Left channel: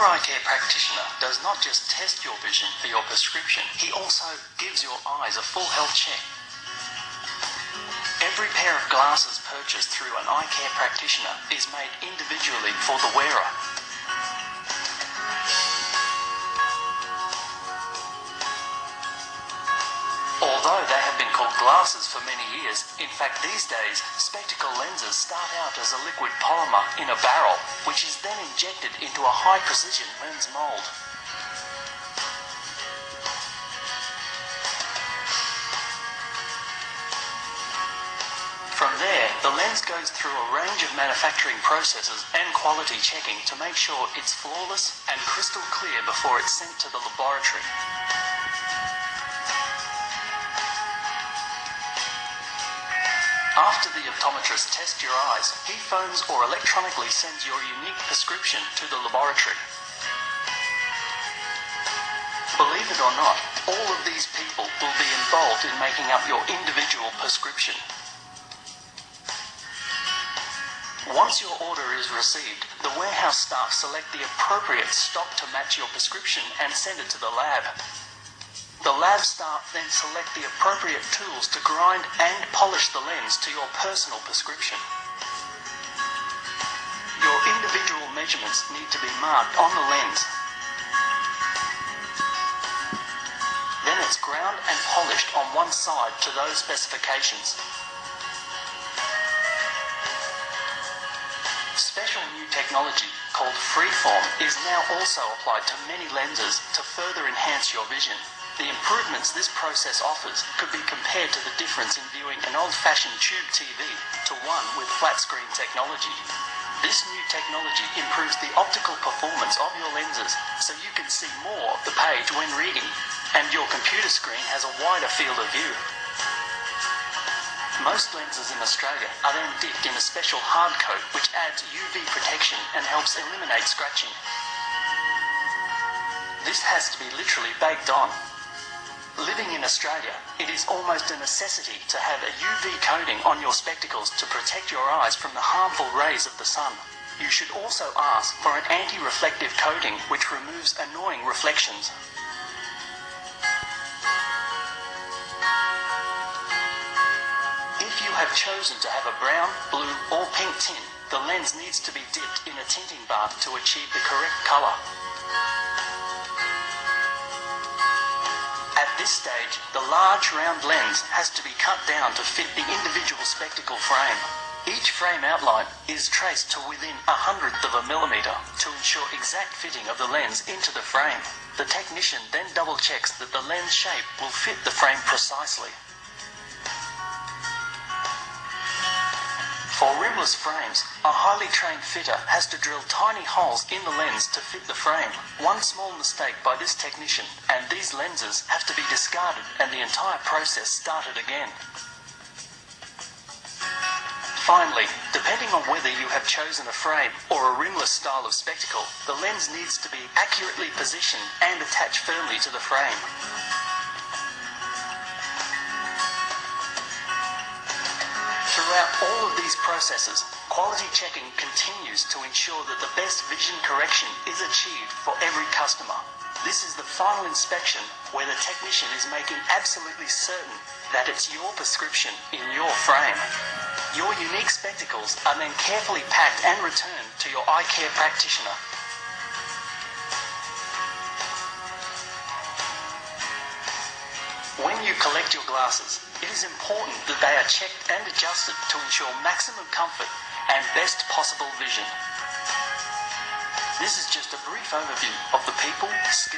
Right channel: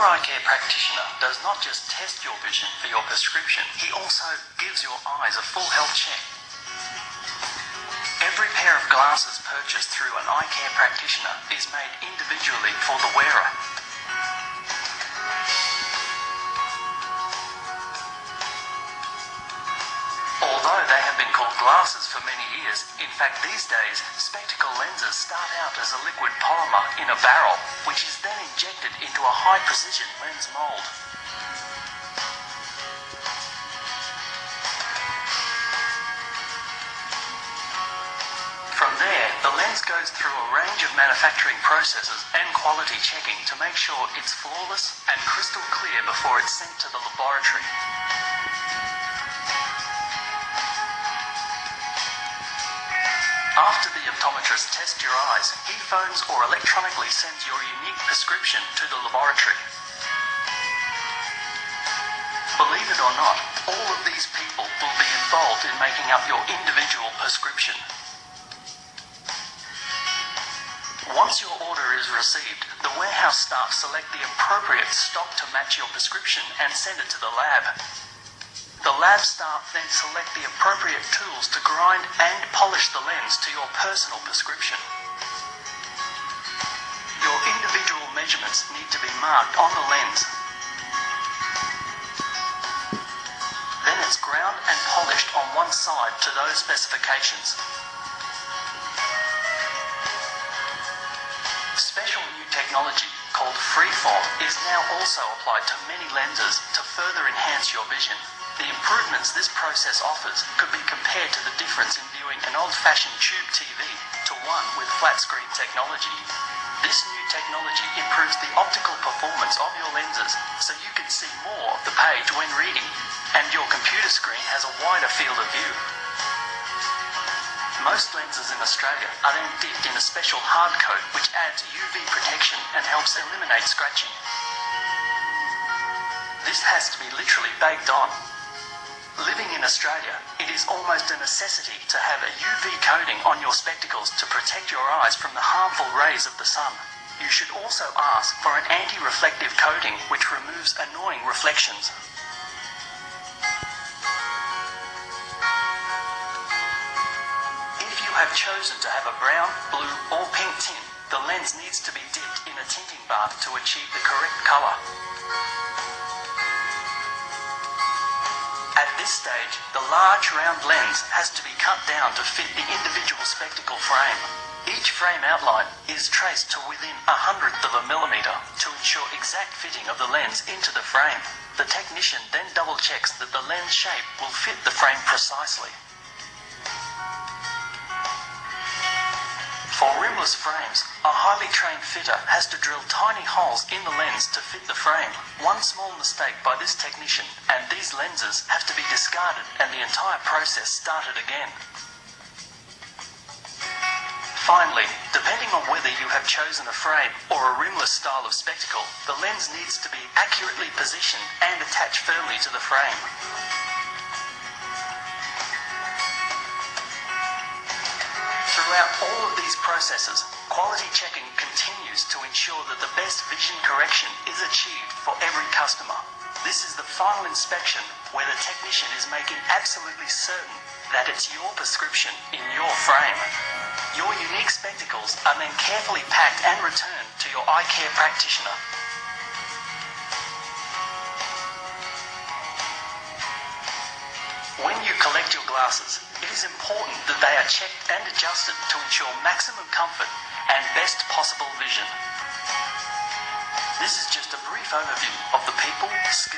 Your eye care practitioner does not just test your vision for your prescription, he also gives your eyes a full health check. Every pair of glasses purchased through an eye care practitioner is made individually for the wearer. Although they have been called glasses for many years, in fact these days, spectacle lenses start out as a liquid polymer in a barrel, which is then injected into a high-precision lens mold. From there, the lens goes through a range of manufacturing processes and quality checking to make sure it's flawless and crystal clear before it's sent to the laboratory. After the optometrist tests your eyes, he phones or electronically sends your unique prescription to the laboratory. Believe it or not, all of these people will be involved in making up your individual prescription. Once your order is received, the warehouse staff select the appropriate stock to match your prescription and send it to the lab. The lab staff then select the appropriate tools to grind and polish the lens to your personal prescription. Your individual measurements need to be marked on the lens. Then it's ground and polished on one side to those specifications. Special new technology called freeform is now also applied to many lenses to further enhance your vision. The improvements this process offers could be compared to the difference in viewing an old-fashioned tube TV to one with flat-screen technology. This new technology improves the optical performance of your lenses so you can see more of the page when reading, and your computer screen has a wider field of view. Most lenses in Australia are then dipped in a special hard coat which adds UV protection and helps eliminate scratching. This has to be literally baked on. Living in Australia, it is almost a necessity to have a UV coating on your spectacles to protect your eyes from the harmful rays of the sun. You should also ask for an anti-reflective coating which removes annoying reflections. If you have chosen to have a brown, blue or pink tint, the lens needs to be dipped in a tinting bath to achieve the correct colour. At this stage, the large round lens has to be cut down to fit the individual spectacle frame. Each frame outline is traced to within 1/100th of a millimetre to ensure exact fitting of the lens into the frame. The technician then double checks that the lens shape will fit the frame precisely. For rimless frames, a highly trained fitter has to drill tiny holes in the lens to fit the frame. One small mistake by this technician and these lenses have to be discarded and the entire process started again. Finally, depending on whether you have chosen a frame or a rimless style of spectacle, the lens needs to be accurately positioned and attached firmly to the frame. Throughout all of these processes, quality checking continues to ensure that the best vision correction is achieved for every customer. This is the final inspection where the technician is making absolutely certain that it's your prescription in your frame. Your unique spectacles are then carefully packed and returned to your eye care practitioner. When you collect your glasses, it is important that they are checked and adjusted to ensure maximum comfort and best possible vision. This is just a brief overview of the people, skills,